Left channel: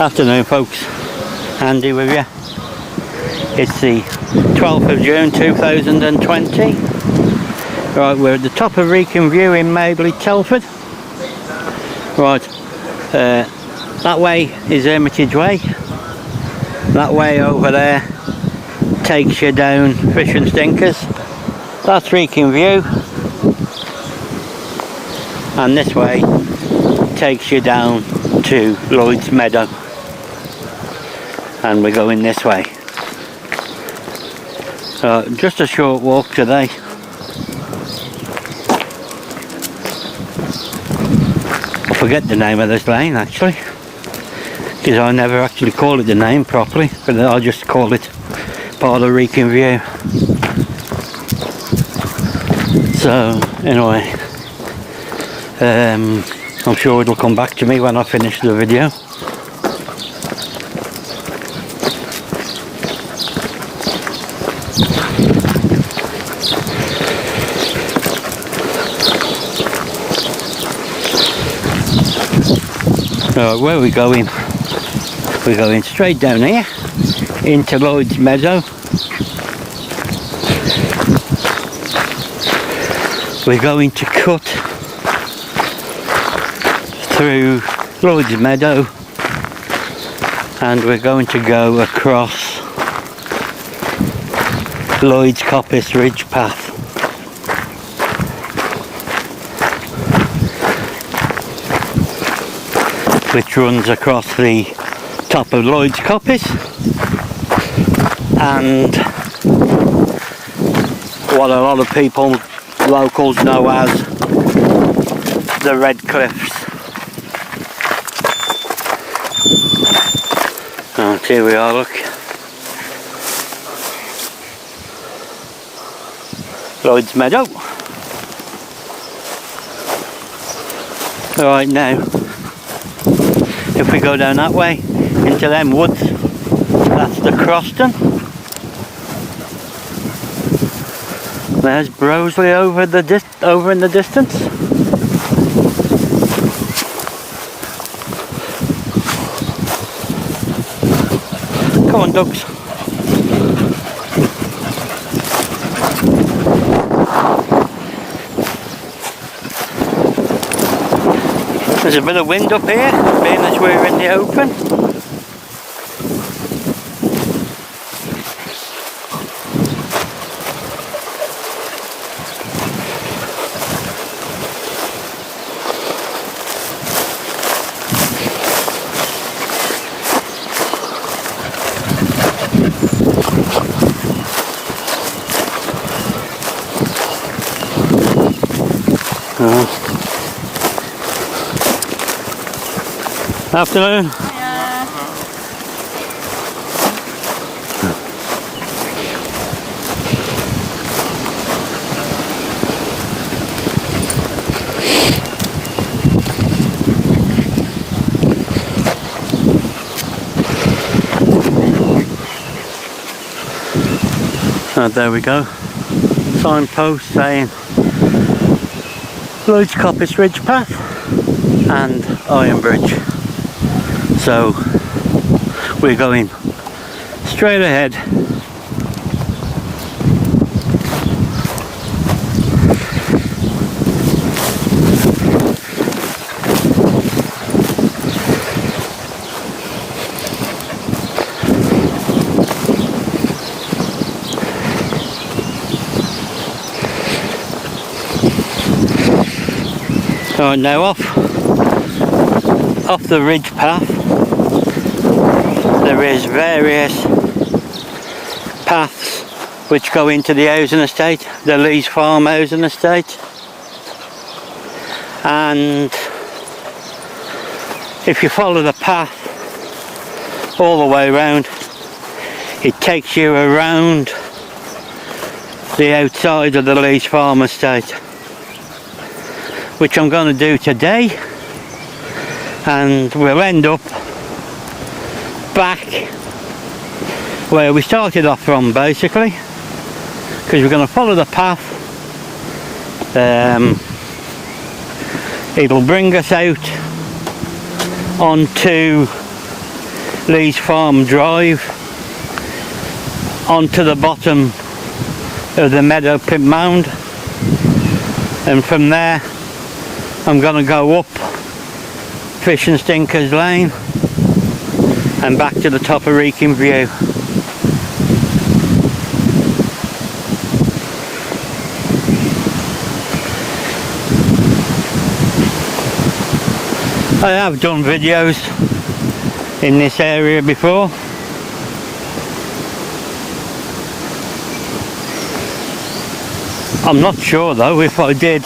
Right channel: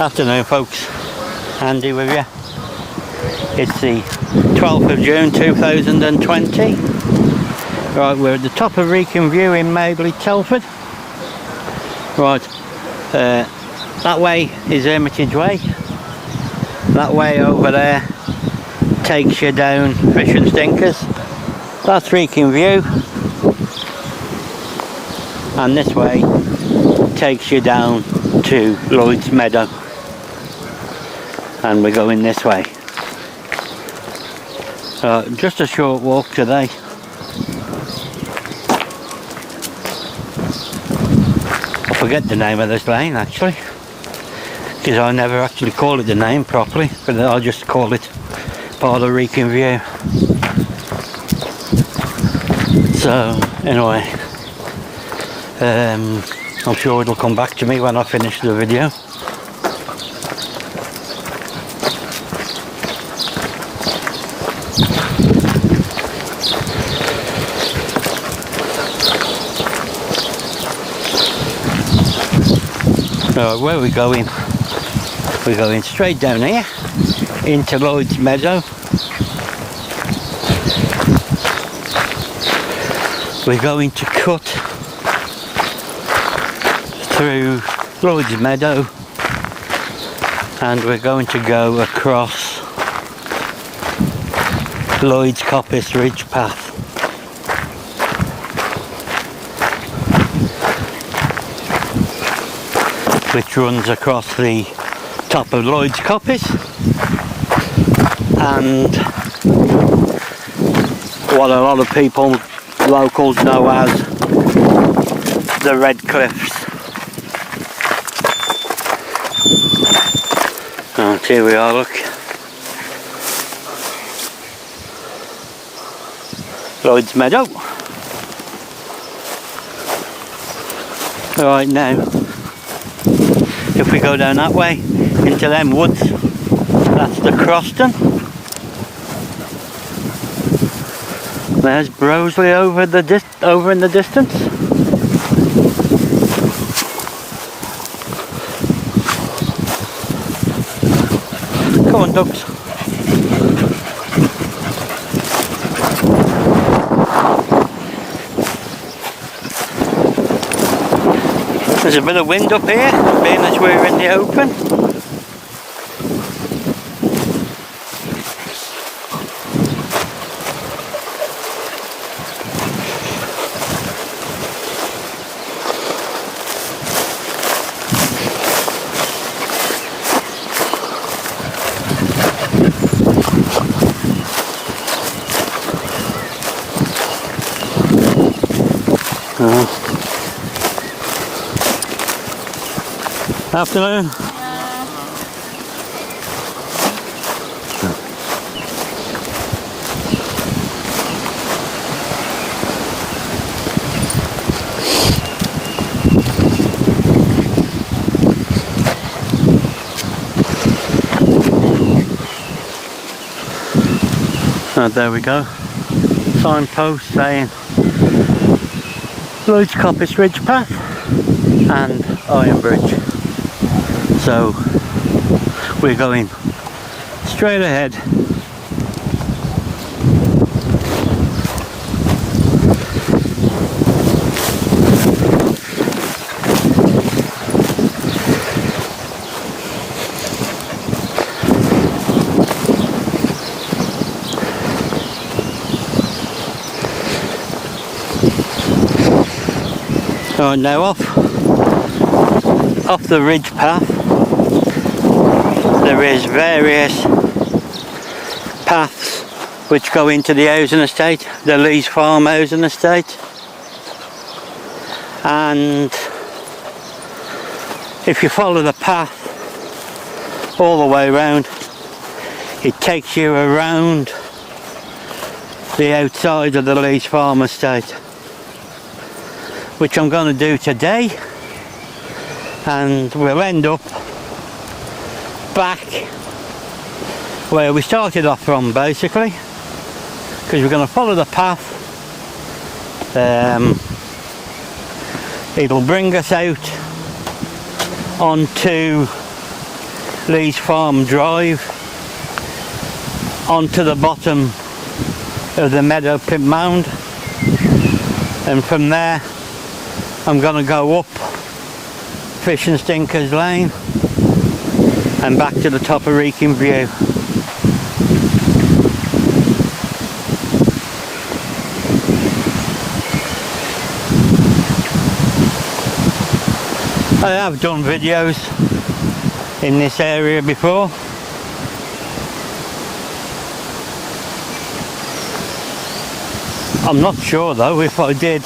Afternoon folks, Andy with you. It's the 12th of June 2020. Right, we're at the top of Wrekin View in Madeley, Telford. Right, that way is Hermitage Way. That way over there takes you down Fish and Stinkers. That's Wrekin View. And this way takes you down to Lloyd's Meadow. And we're going this way. Just a short walk today. I forget the name of this lane actually, because I never actually call it the name properly, but I'll just call it part of Wrekin View. So anyway, I'm sure it'll come back to me when I finish the video. Right, where are we going? We're going straight down here into Lloyd's Meadow. We're going to cut through Lloyd's Meadow and we're going to go across Lloyd's Coppice Ridge Path. Which runs across the top of Lloyd's Coppice and what a lot of people, locals, know as the Red Cliffs. And here we are, look. Lloyd's Meadow. Right now, if we go down that way into them woods, that's the Croston. There's Broseley over in the distance. Come on, ducks. There's a bit of wind up here, being as we're in the open. Afternoon. Yeah. There we go. Signpost saying Lloyd's Coppice Ridge Path and Iron Bridge. So we're going straight ahead. Right, now off the ridge path there is various paths which go into the housing estate, the Lees Farm housing estate, and if you follow the path all the way around, it takes you around the outside of the Lees Farm estate, which I'm going to do today, and we'll end up back where we started off from basically, because we're going to follow the path. It'll bring us out onto Lee's Farm Drive onto the bottom of the Meadow Pit Mound, and from there I'm going to go up Fish and Stinkers Lane and back to the top of Wrekin View. I have done videos in this area before. I'm not sure though if I did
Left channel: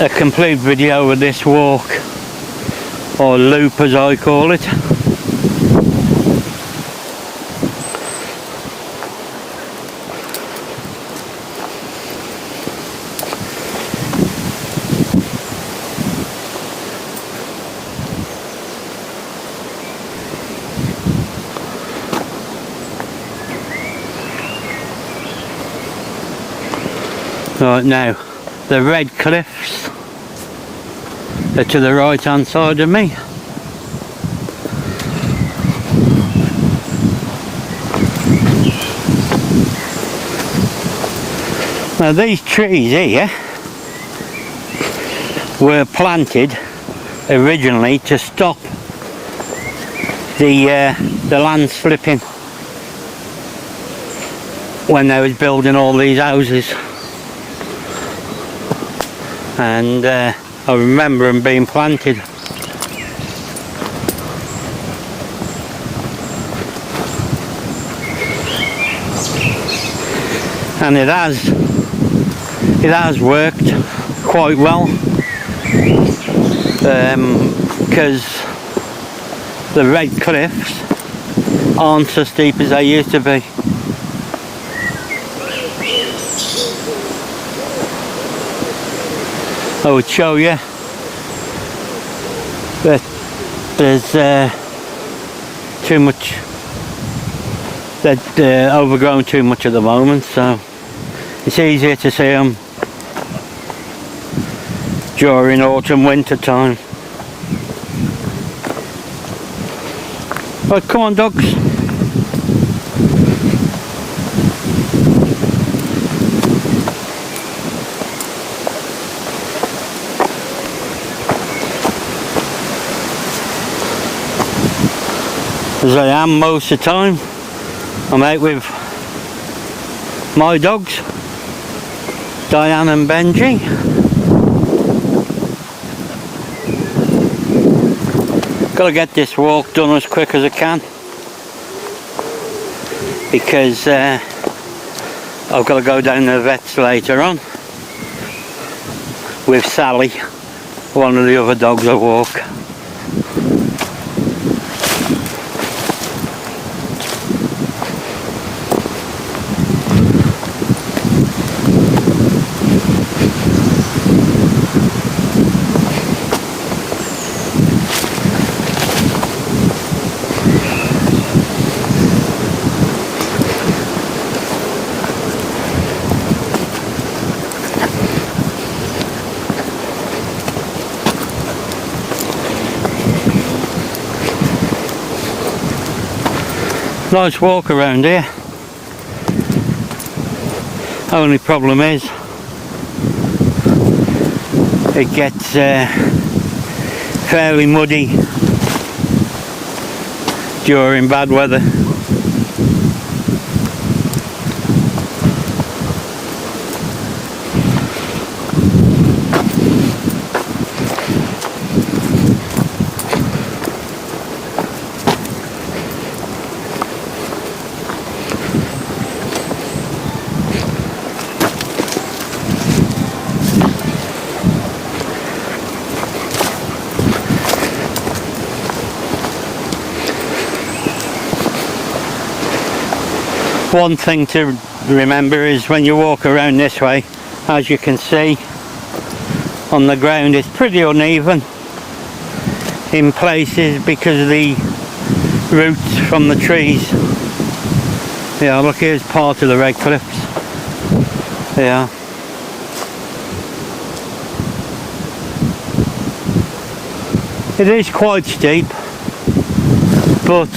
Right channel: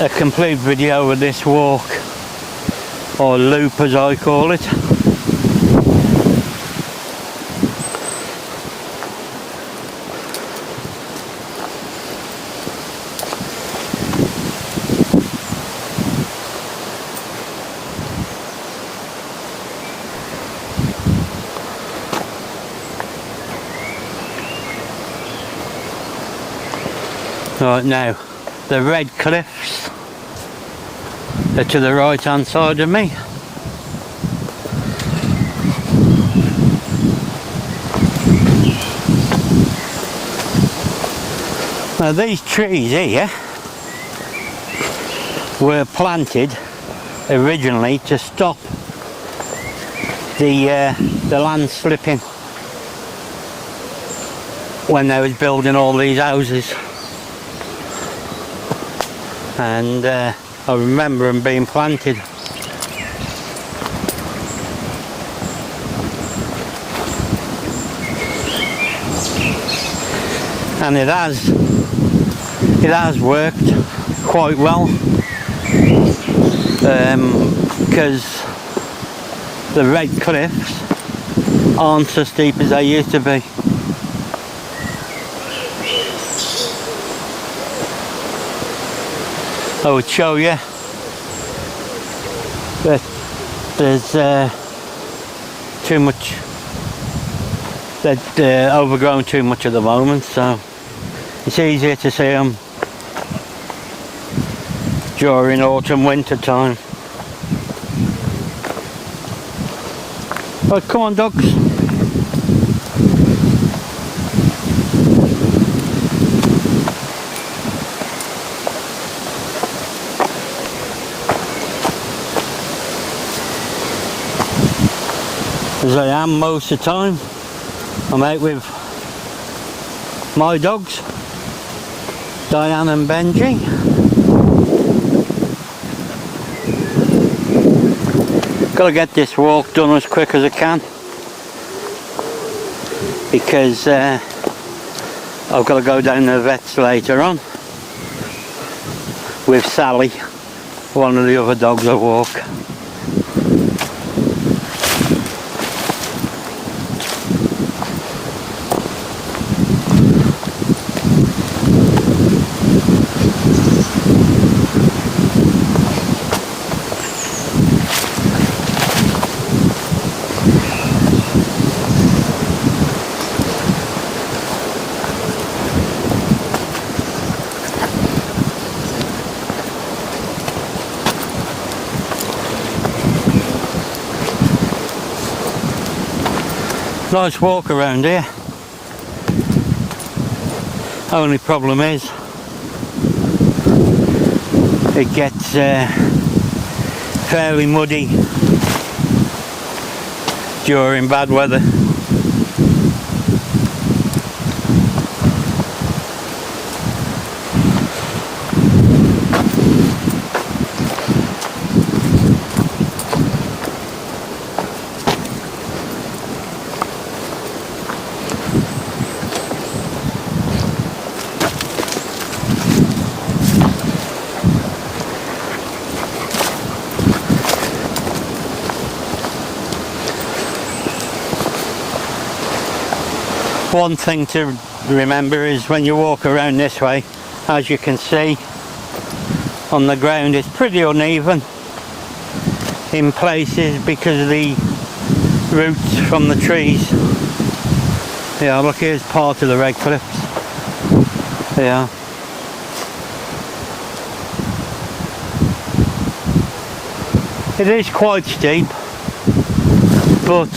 a complete video of this walk, or loop as I call it. Right, now the red cliffs are to the right hand side of me. Now these trees here were planted originally to stop the land slipping when they was building all these houses. And I remember them being planted. And it has worked quite well, because the red cliffs aren't so steep as they used to be. I would show you that there's too much, they're overgrown too much at the moment, so it's easier to see them during autumn winter time. Right, come on dogs. As I am most of the time, I'm out with my dogs, Diane and Benji. Got to get this walk done as quick as I can, because I've got to go down to the vets later on with Sally, one of the other dogs I walk. Nice walk around here. Only problem is it gets fairly muddy during bad weather. One thing to remember is when you walk around this way, as you can see on the ground, it's pretty uneven in places because of the roots from the trees. Yeah, look, here's part of the red cliffs. Yeah. It is quite steep, but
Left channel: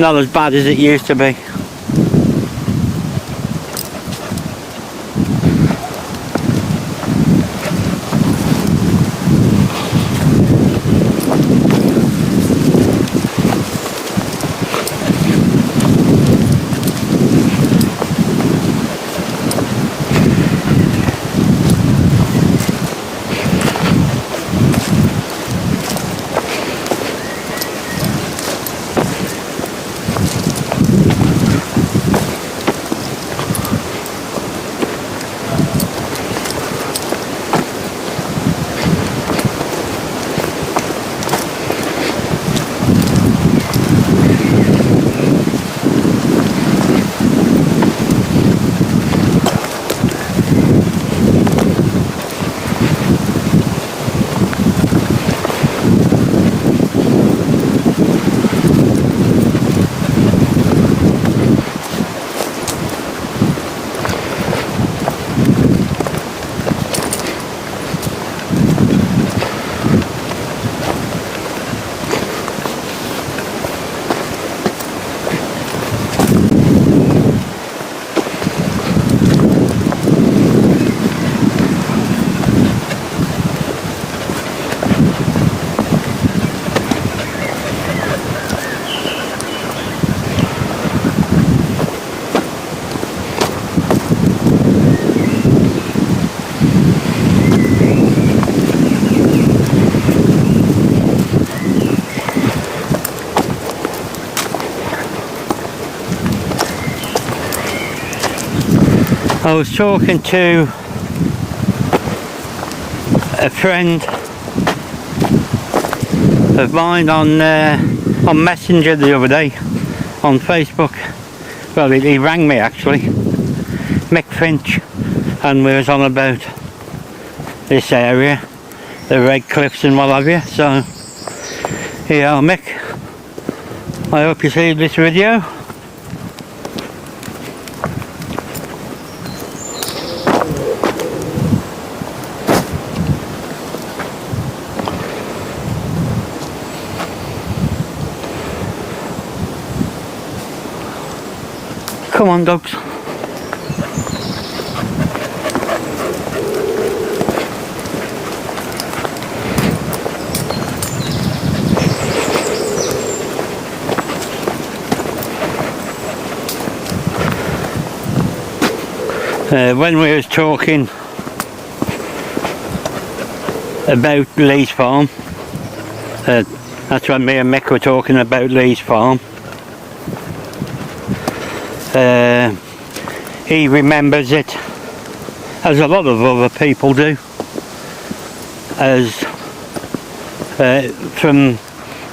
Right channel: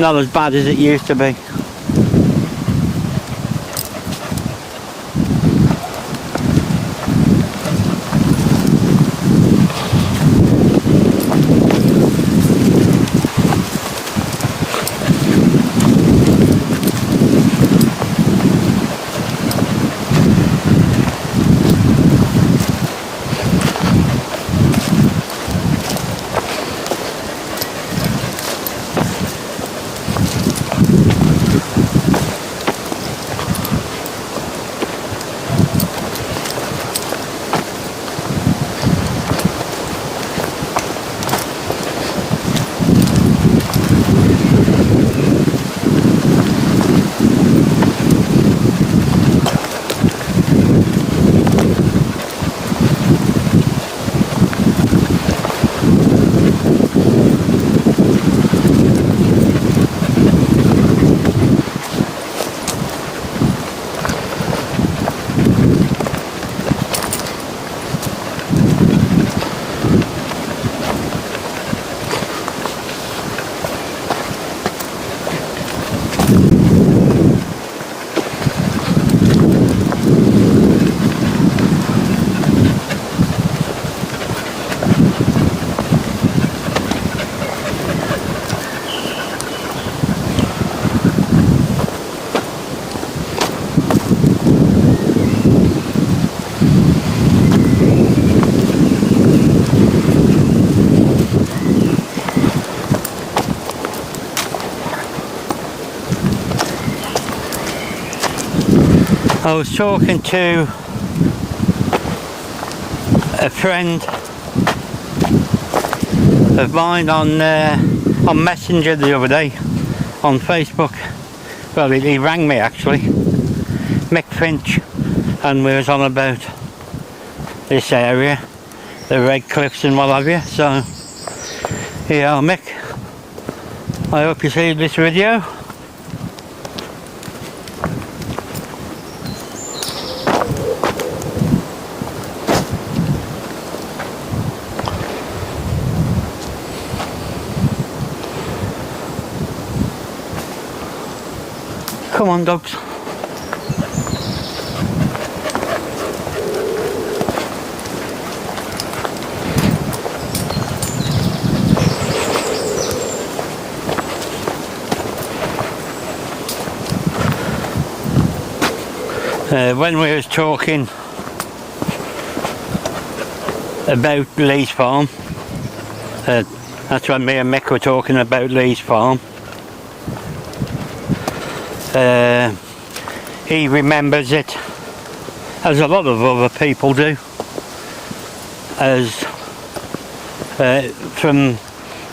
not as bad as it used to be. I was talking to a friend of mine on Messenger the other day on Facebook. Well, he rang me actually, Mick Finch, and we was on about this area, the Red Cliffs and what have you. So here, Mick, I hope you see this video. Come on, dogs. When we was talking about Lee's farm, that's when me and Mick were talking about Lee's farm. He remembers it, as a lot of other people do, as from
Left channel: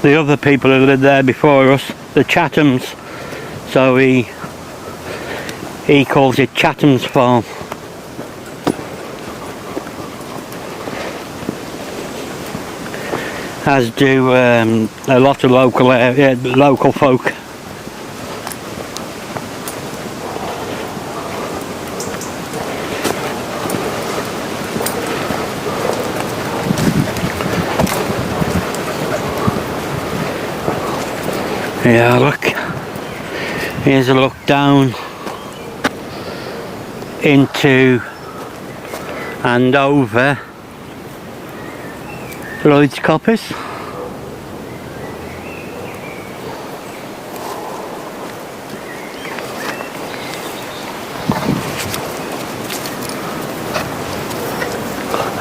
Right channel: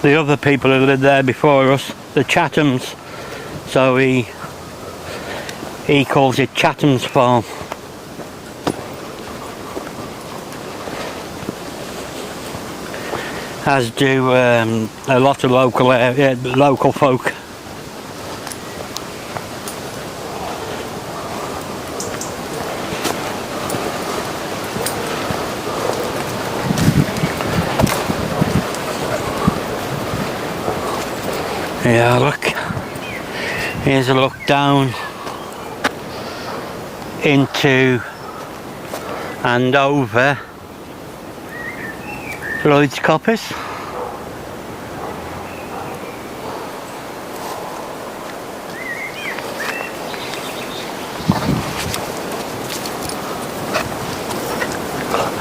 the other people who lived there before us, the Chathams. So he calls it Chatham's Farm. As do a lot of local folk. Yeah, look, here's a look down into and over Lloyd's Coppice.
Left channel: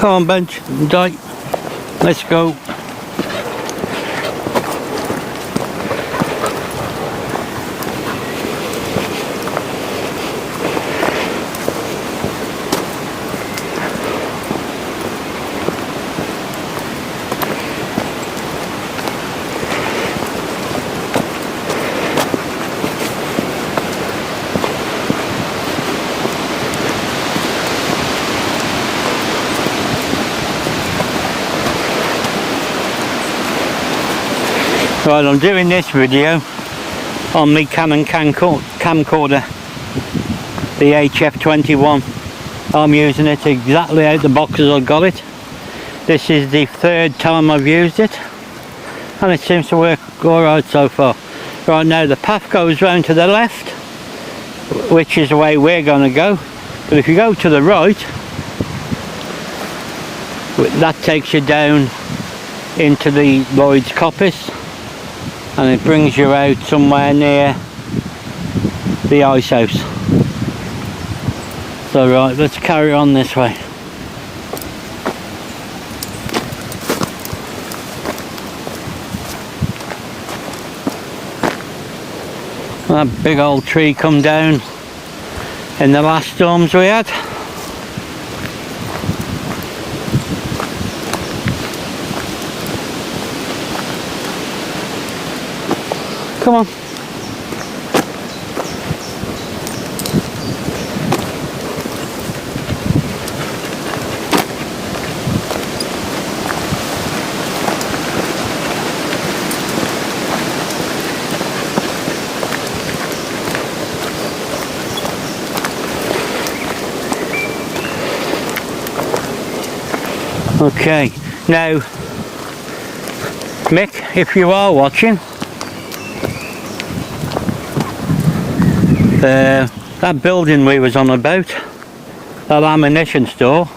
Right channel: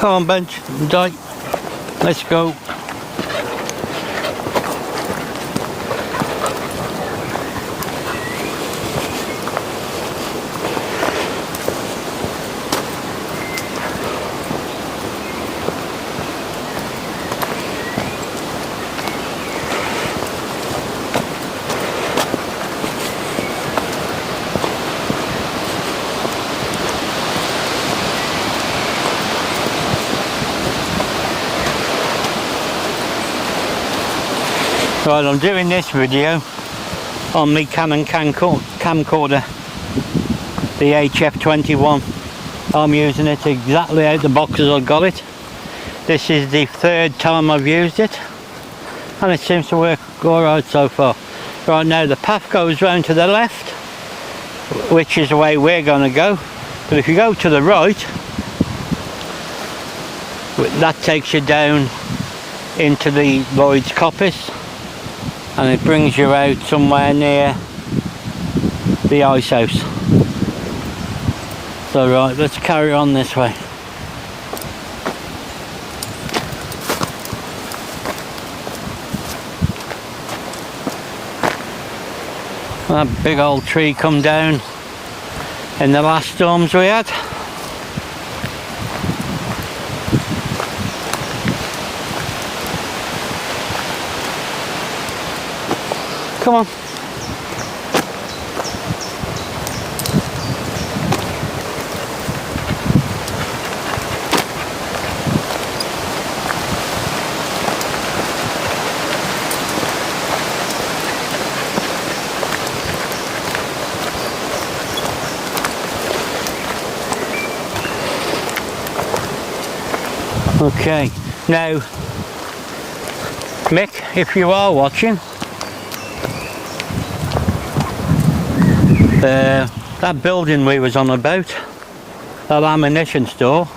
Come on, Benji, let's go. Right, I'm doing this video on my Canon camcorder, the HF21. I'm using it exactly out the box as I got it. This is the third time I've used it, and it seems to work alright so far. Right, now the path goes round to the left, which is the way we're going to go, but if you go to the right, that takes you down into the Lloyd's coppice, and it brings you out somewhere near the ice house. So right, let's carry on this way. That big old tree come down in the last storms we had. Come on. Okay, now Mick, if you are watching, that building we was on about, that ammunition store,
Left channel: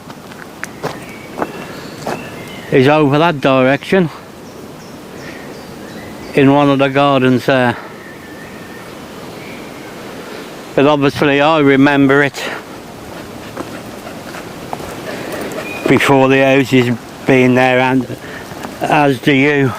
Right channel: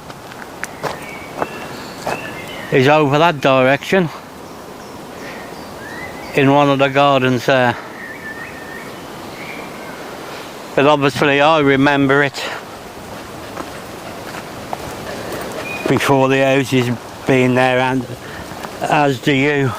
is over that direction in one of the gardens there. But obviously I remember it before the houses being there, and as do you.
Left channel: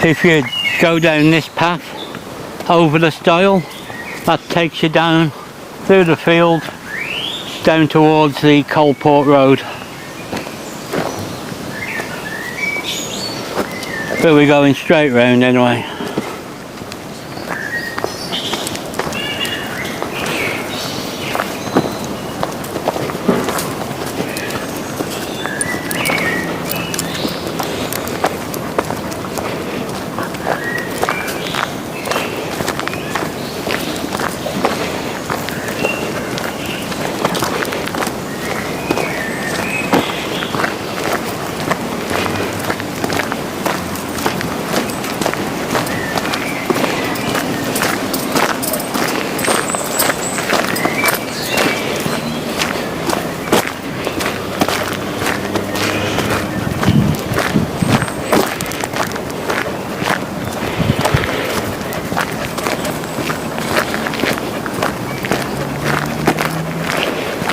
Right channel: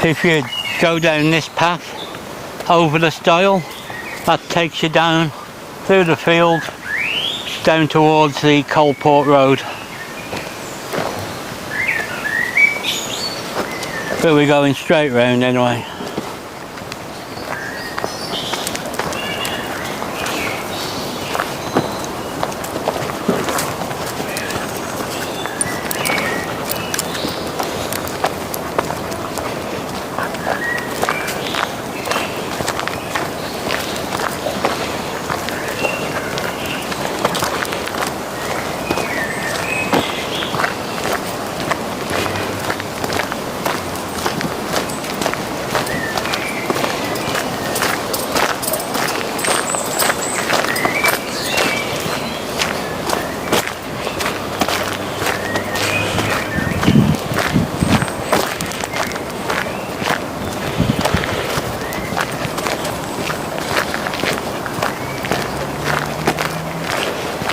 If you go down this path over the stile, that takes you down through the field down towards the Coalport Road. But we're going straight round anyway.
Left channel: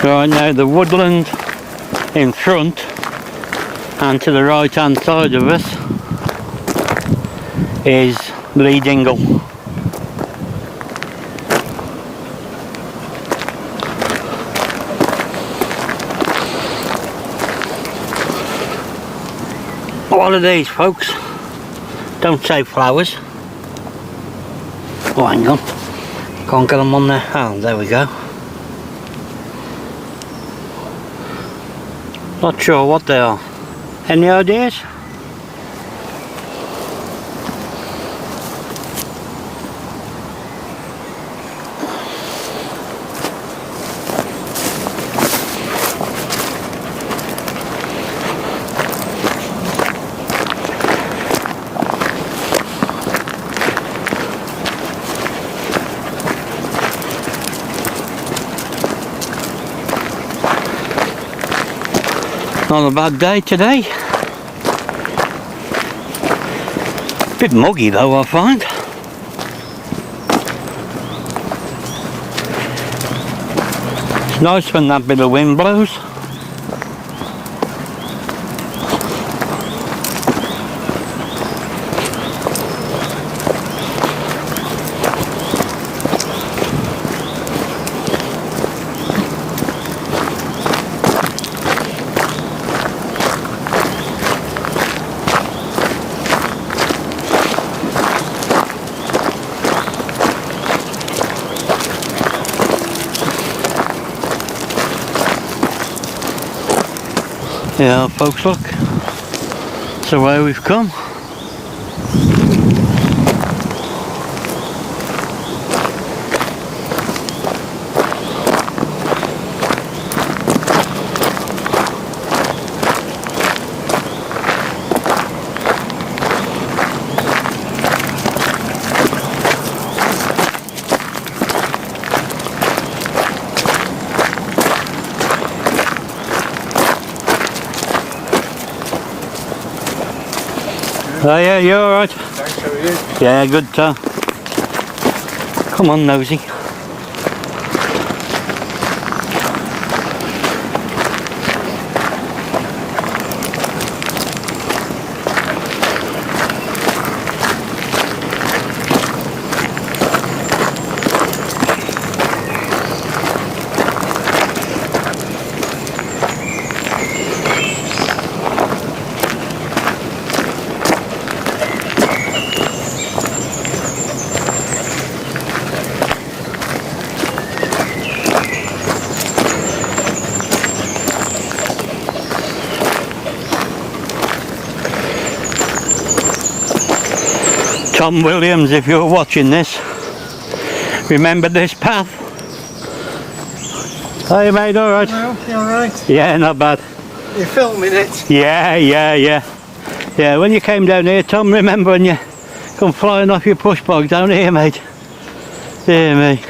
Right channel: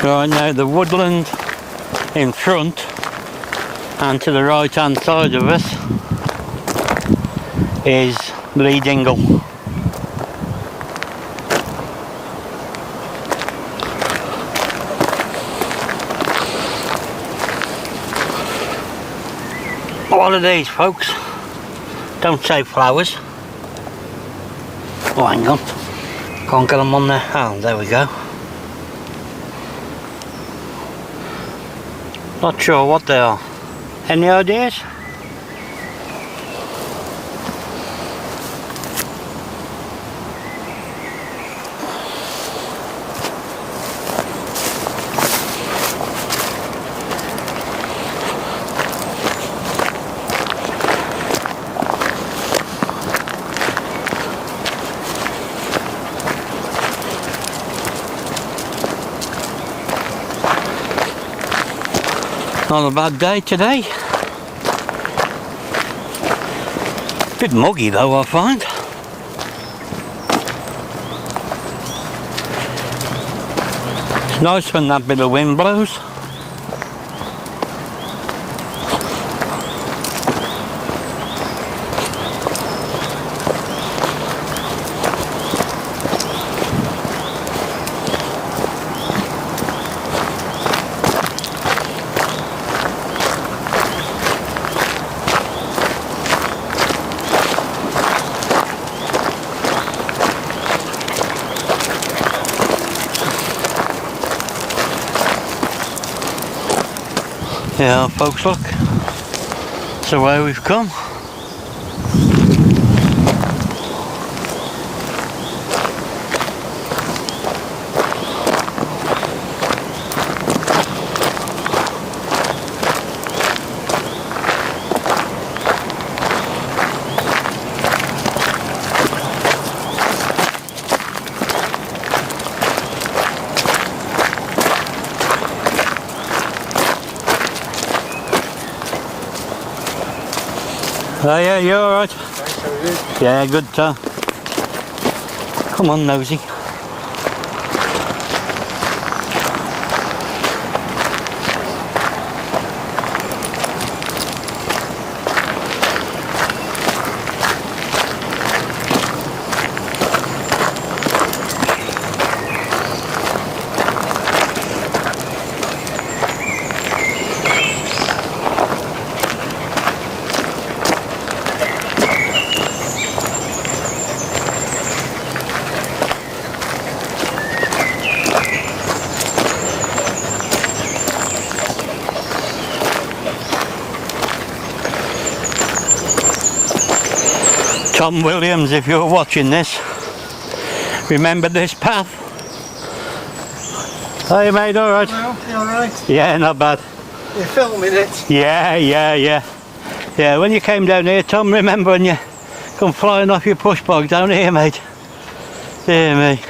Right, now the woodland in front and to the right hand side of us is Lee Dingle. What are these, folks? Don't say flowers. Oh, hang on. Can't get them on there. Oh, there we go. Not sure what they are. Any ideas? Not a bad day today. Bit muggy though, I find. It's nice when that bit of wind blows. Yeah, folks, look. So where we've come. Oh yeah, you alright? Thanks, how are you? Yeah, good Tom. Come on, nosy. Tom Williams, if you're watching this, remember this path. Hey mate, alright? Well, you alright? Yeah, not bad. You're filming it? Yeah. Yeah, when you came down here, Tom, remember when you come flying off your push bog down here, mate? Dear me.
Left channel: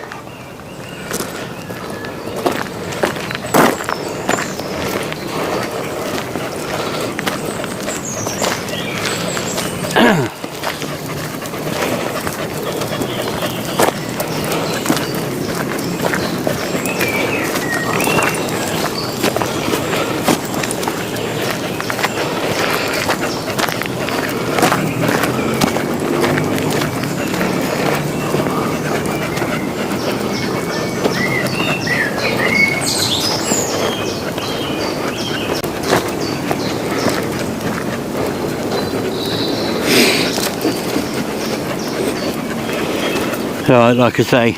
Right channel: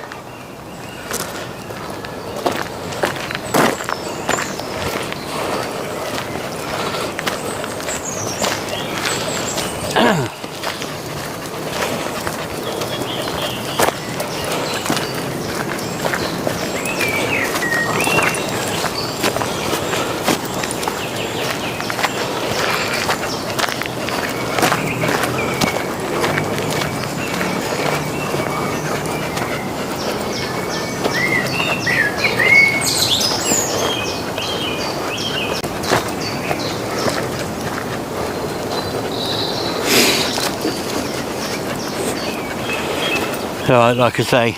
Right, like I say,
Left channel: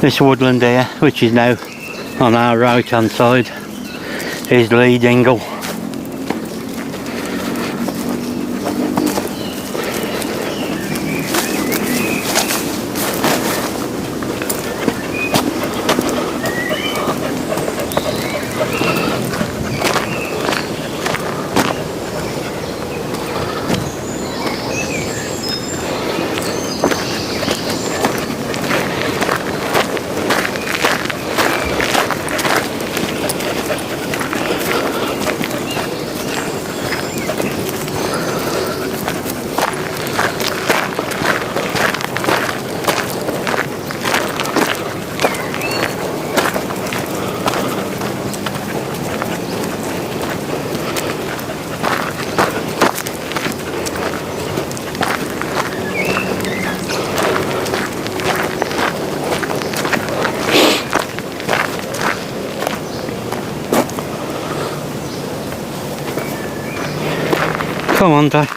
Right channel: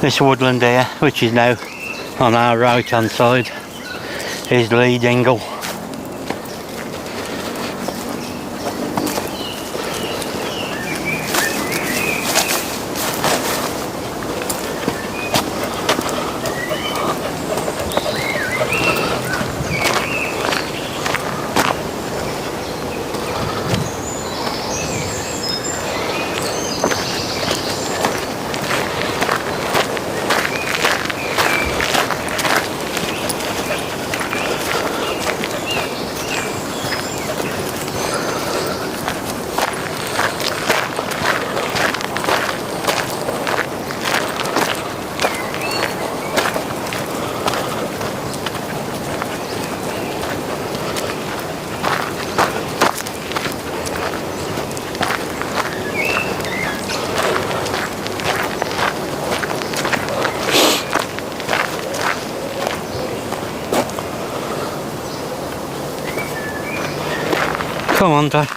this woodland here, which is now on our right hand side, is Lee Dingle. Come on, Dad.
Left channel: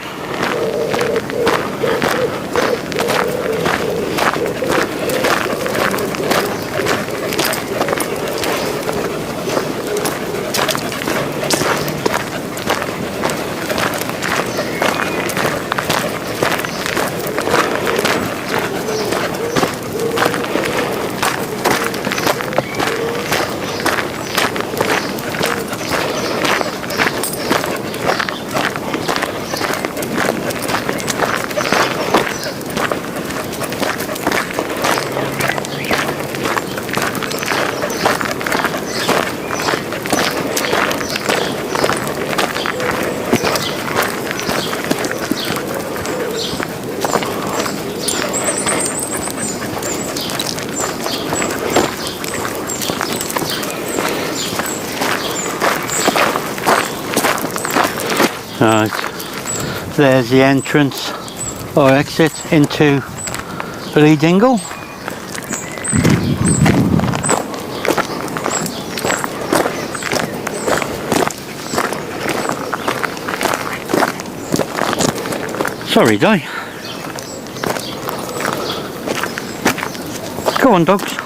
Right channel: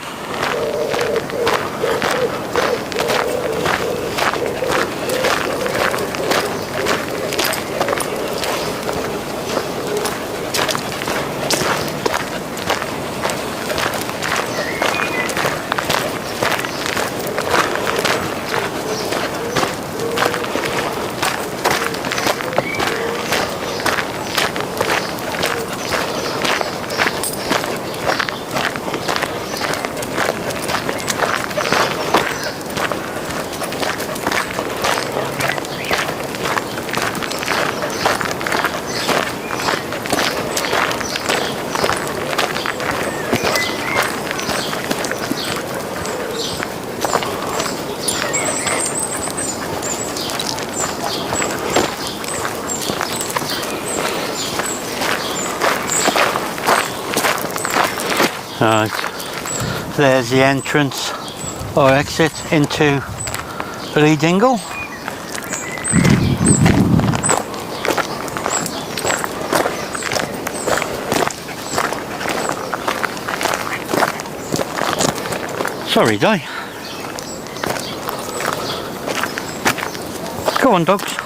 Right, there's the entrance or exit into Lee Dingle. Sorry, Di. Go on, dogs.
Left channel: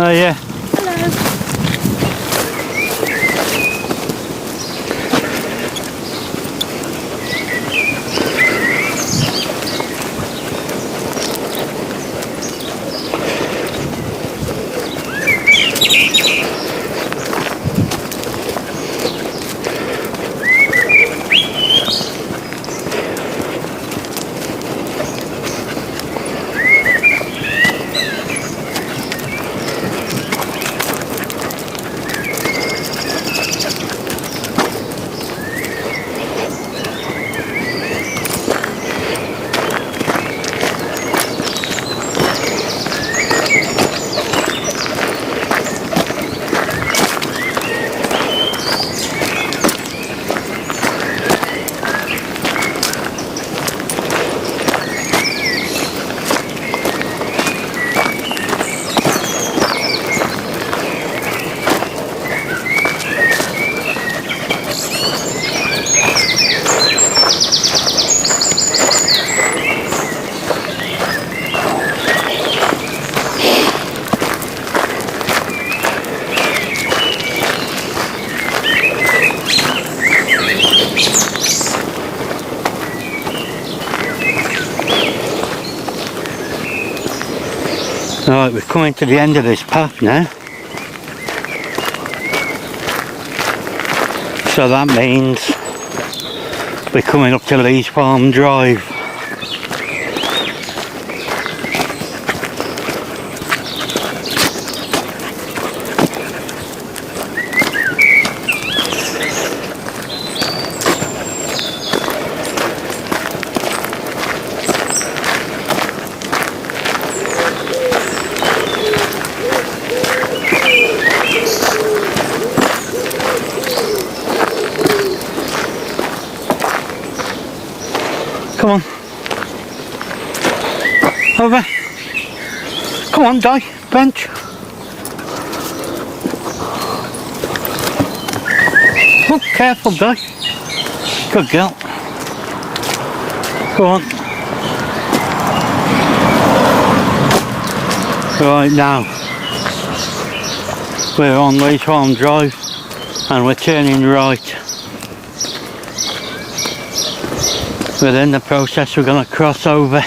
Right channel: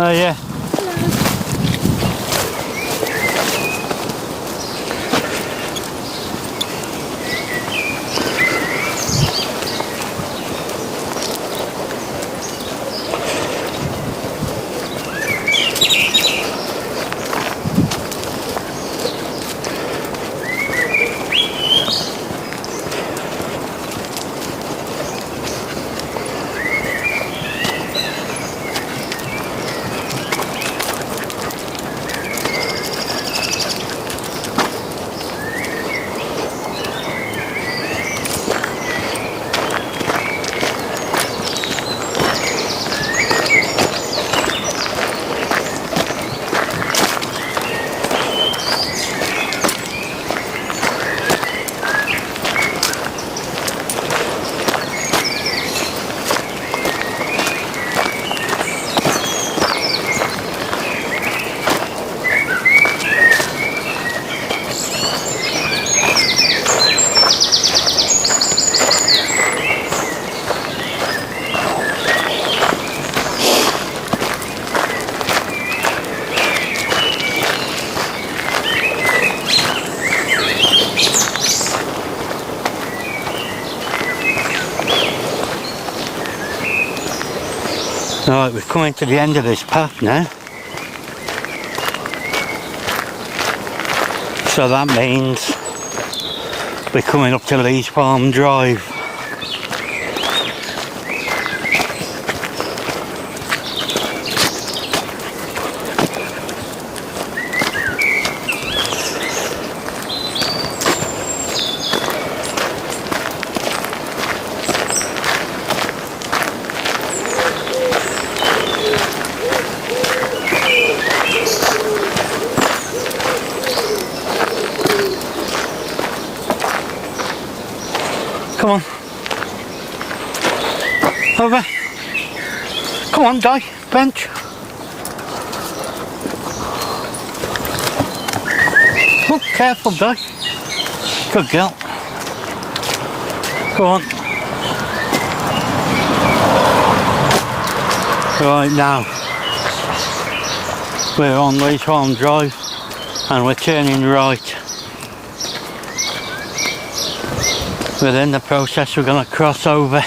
Oh yeah. Right, we're coming to the end of this path now. So that means we're coming up to Lee's Farm Drive. Come on. Over. Come on, Di. Bench. Oh, careful, Di. Good girl. Go on. Right now, we're on Lee's Farm Drive and we're turning right. Within the process we're going to cross over.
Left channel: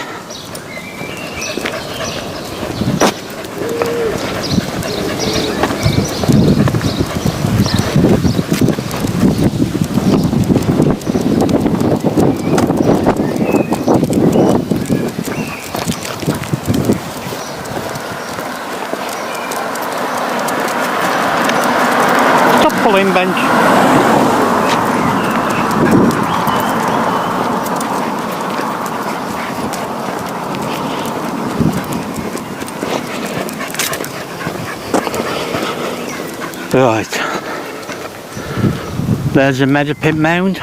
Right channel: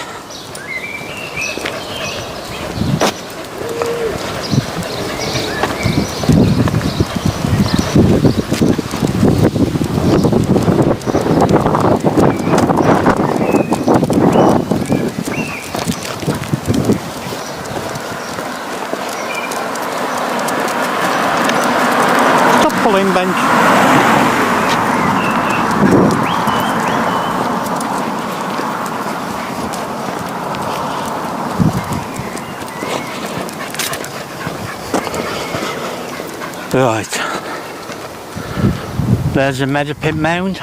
Stop pulling, Benji. Right, there's a Madeley mound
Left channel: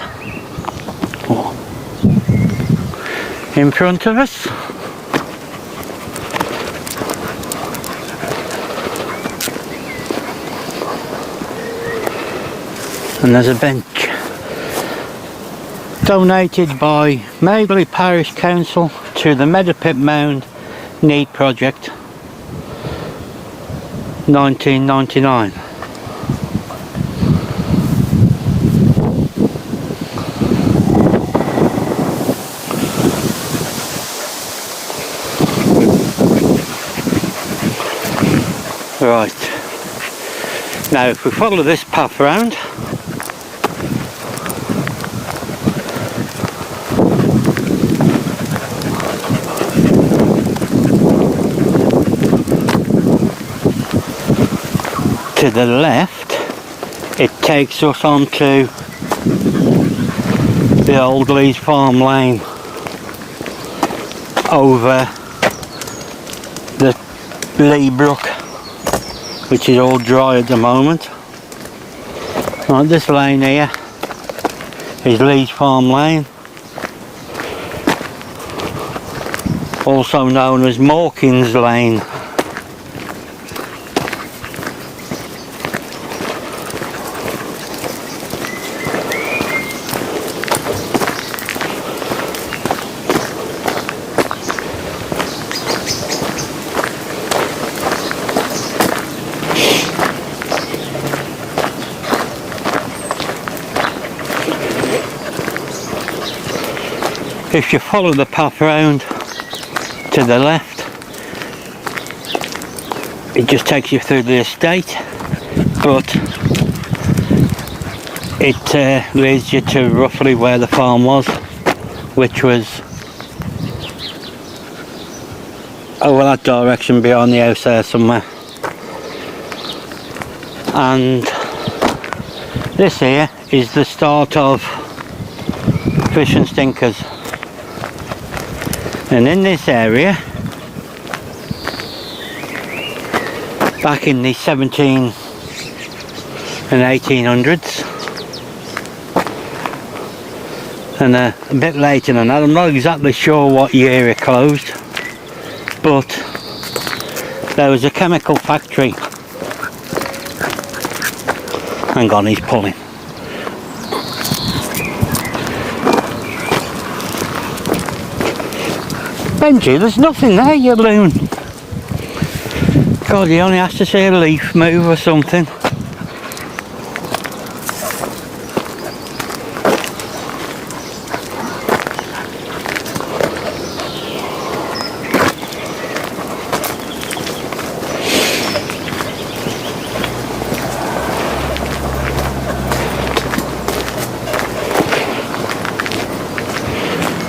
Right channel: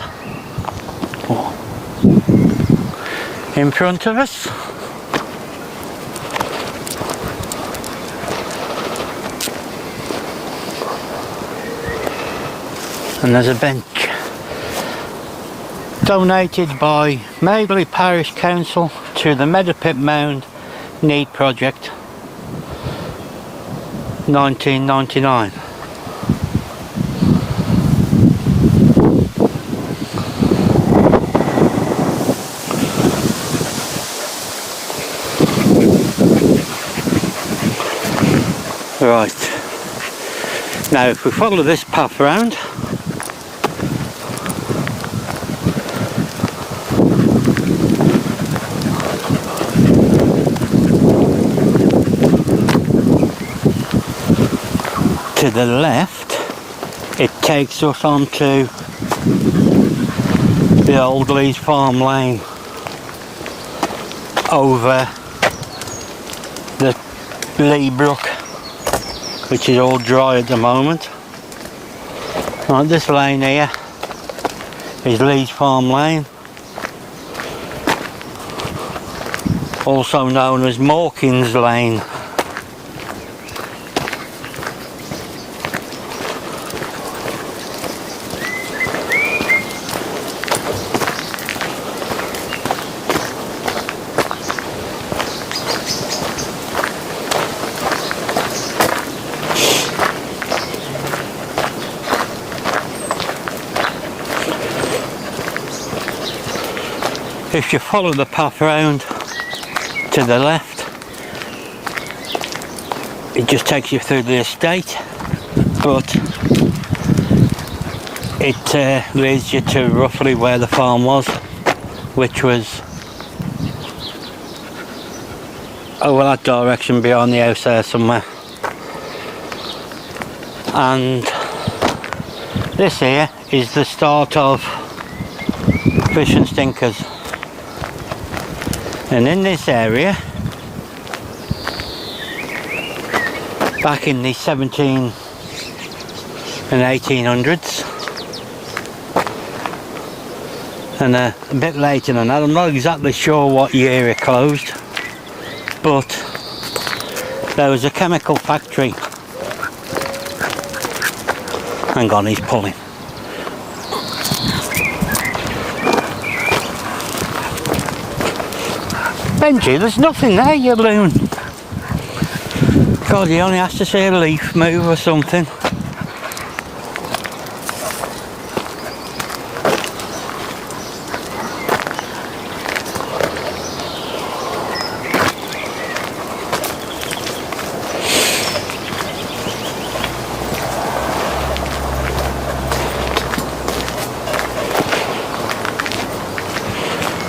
in front of us. And there's a bench donated by Madeley Parish Council to the Madeley Mound Need Project 1999. Right, now if we follow this path round, to the left, it takes us onto the old Lee's Farm Lane over the Lee Brook, which is all dry at the moment. Right, this lane here is Lee's Farm Lane, also known as Mawkins Lane. If you follow the path round to the left, it just takes you through the estate, but it leads you to roughly where the farm was, which was over that direction behind the house there somewhere. And this here is the start of Fish and Stinkers. And in this area, back in the 17 and 1800s, and a bit later than that, I'm not exactly sure what year it closed, but there was a chemical factory. Hang on, he's pulling. Benji, there's nothing there, you loon. God, he only has to see a leaf move or something.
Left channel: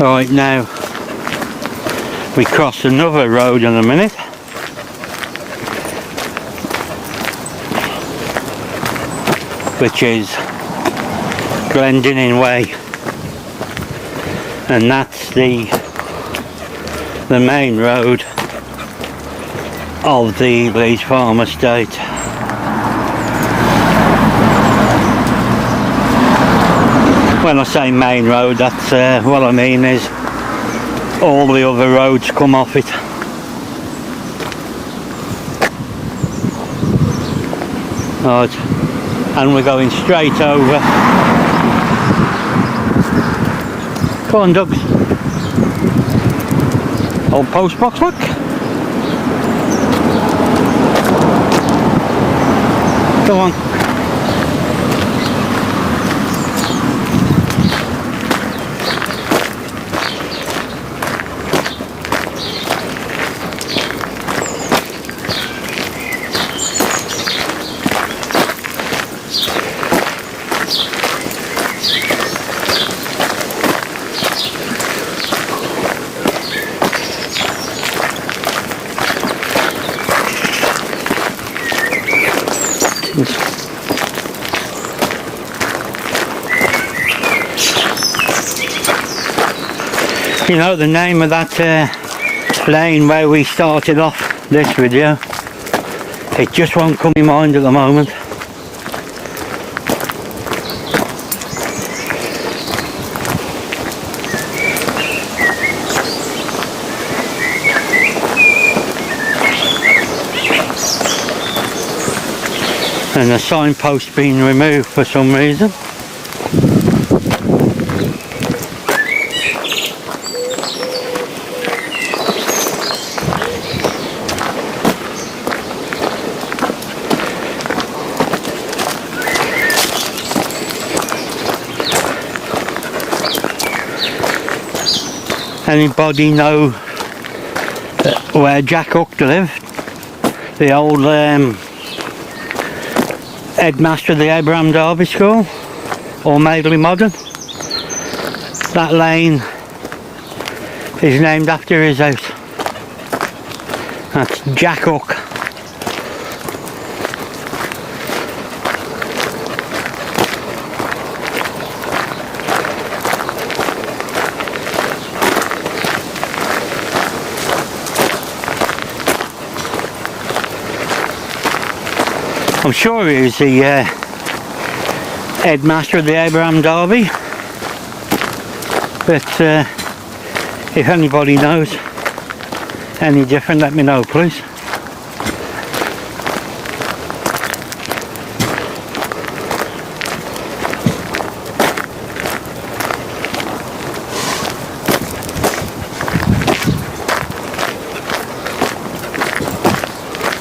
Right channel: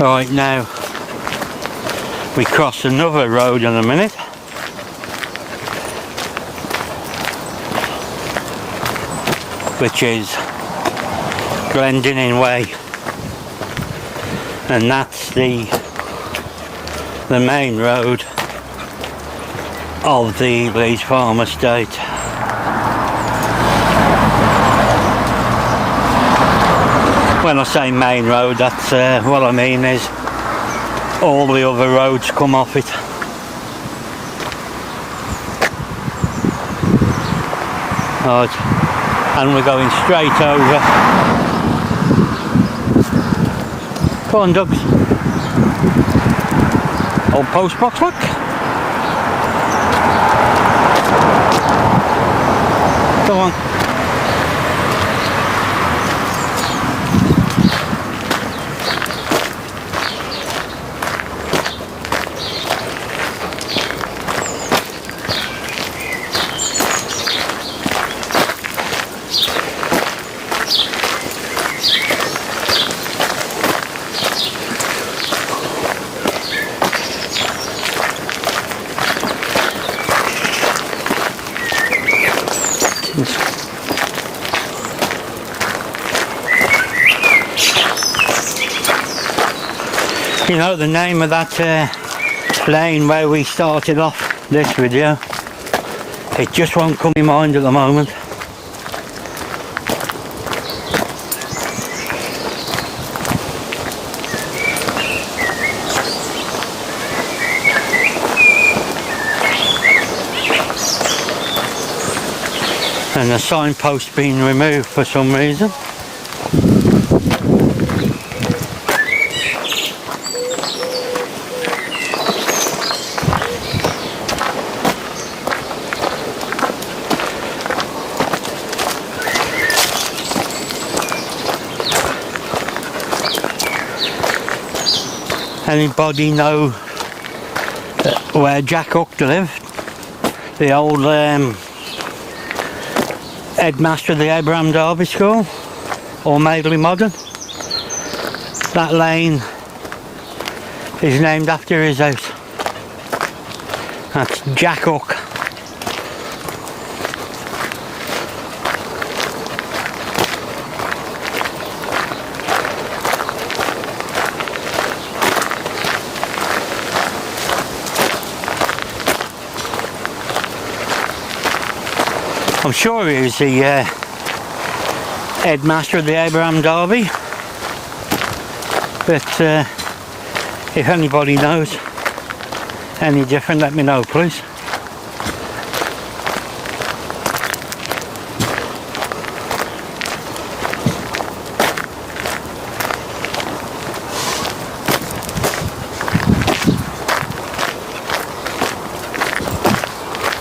Right, now we cross another road in a minute, which is Glendinning Way, and that's the main road of the Leeds Farm Estate. When I say main road, that's what I mean is all the other roads come off it. Right, and we're going straight over. Come on, Doug. Old post box, look. Come on. You know the name of that lane where we started off this video? It just won't come in mind at the moment. And the signpost being removed for some reason. Anybody know where Jack Hook lived? The old headmaster of the Abraham Derby School, or Madeley Modern? That lane is named after his house. That's Jack Hook. I'm sure he was the headmaster of the Abraham Derby, but if anybody knows any different, let me know, please.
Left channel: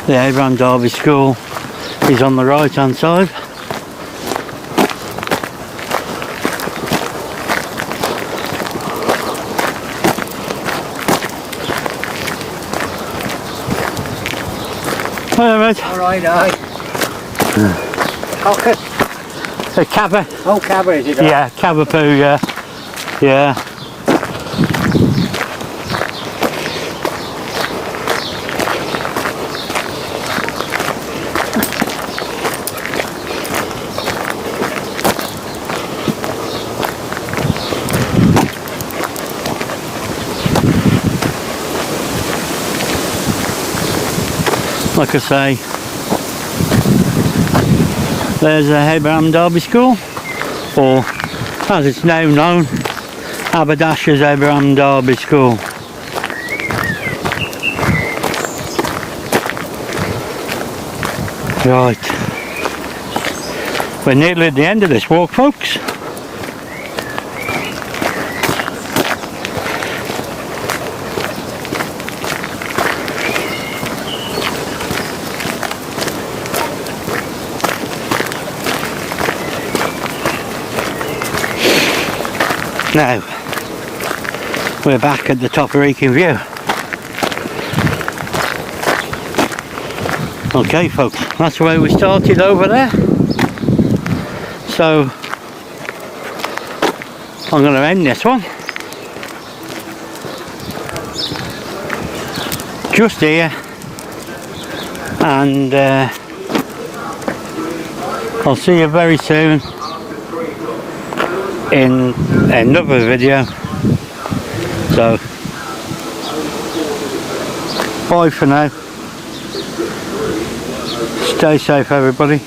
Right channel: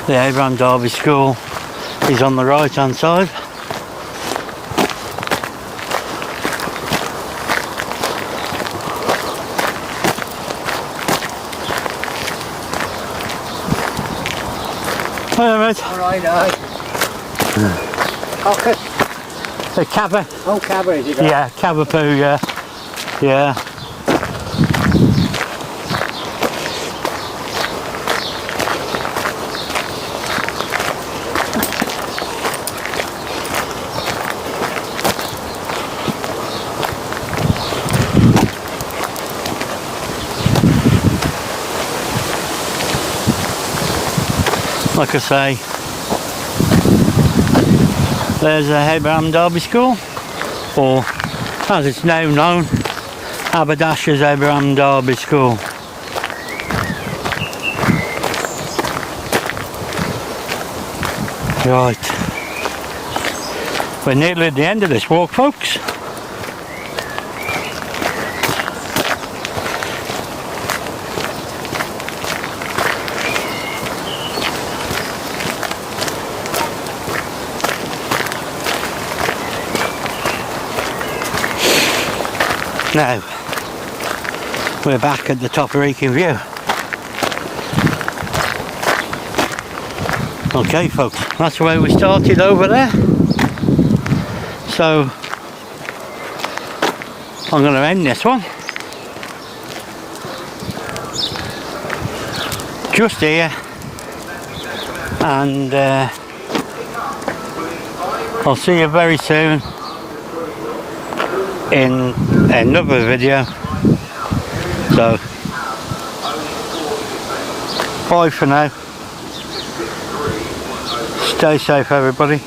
The Abraham Derby School is on the right hand side. Alright. Alright, aye. Cocker. A cabba. Oh, cabba, is it? Yeah, cabapoo, yeah. Yeah. Like I say, there's a Abraham Derby School, or as it's now known, Haberdasher's Abraham Derby School. Right, we're nearly at the end of this walk, folks. Now, we're back at the top of Wrekin View. Okay folks, that's where we started over there. So, I'm going to end this one. Just here. And I'll see you very soon in another video. So bye for now. Stay safe everybody.